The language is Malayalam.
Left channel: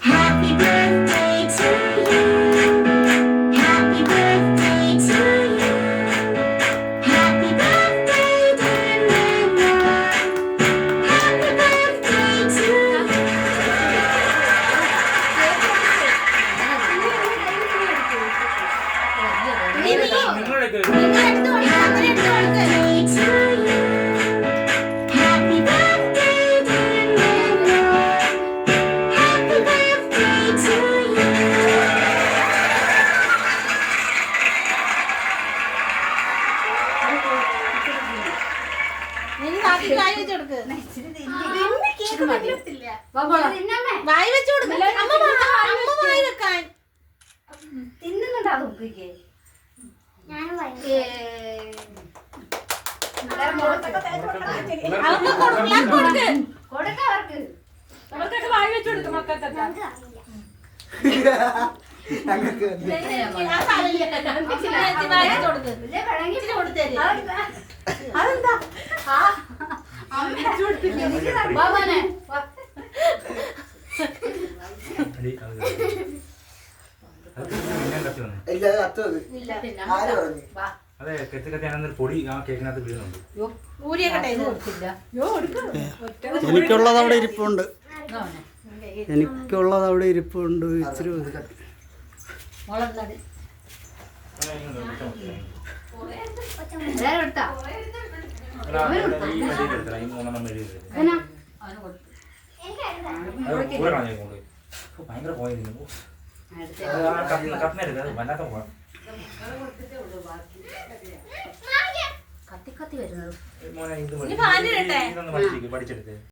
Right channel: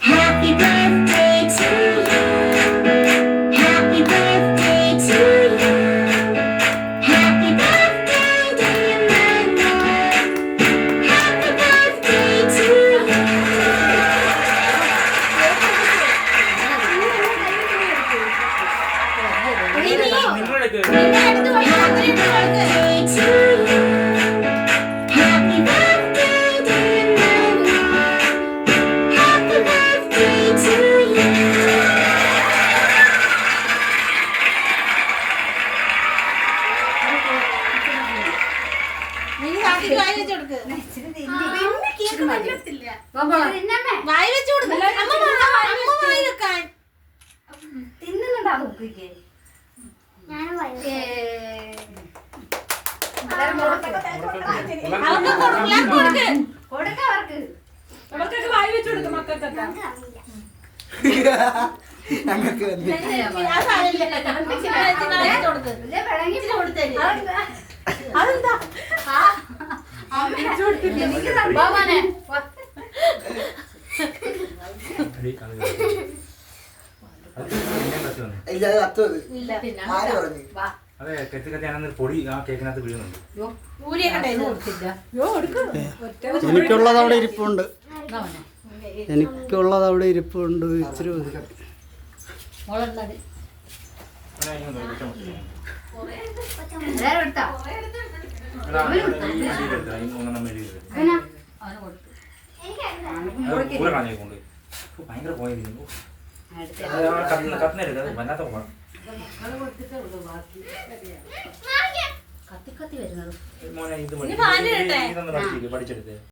Happy birthday to you. Happy birthday to you. Happy birthday dear Nana. Happy birthday to you. Happy birthday dear Nana. Happy birthday to you. അതെ കെത്തി കത്തിയാണെന്നൊരു പൊടി ആ കേക്കിനകത്ത് വീഴുന്നുണ്ട്. എനിക്കുള്ളത് അവിടെ ഇരിപ്പുണ്ട്. എനിക്കുള്ളത് അവിടെ ഇരിപ്പുണ്ട്. ഇച്ചിരി ഭയങ്കര പോയിരിക്കുന്നു. കത്തിനെടുക്കുക വല്ലാത്ത പോകാം. മോനെ ഇത് ഇതൊന്ന് പഠിച്ചെടുത്തേ.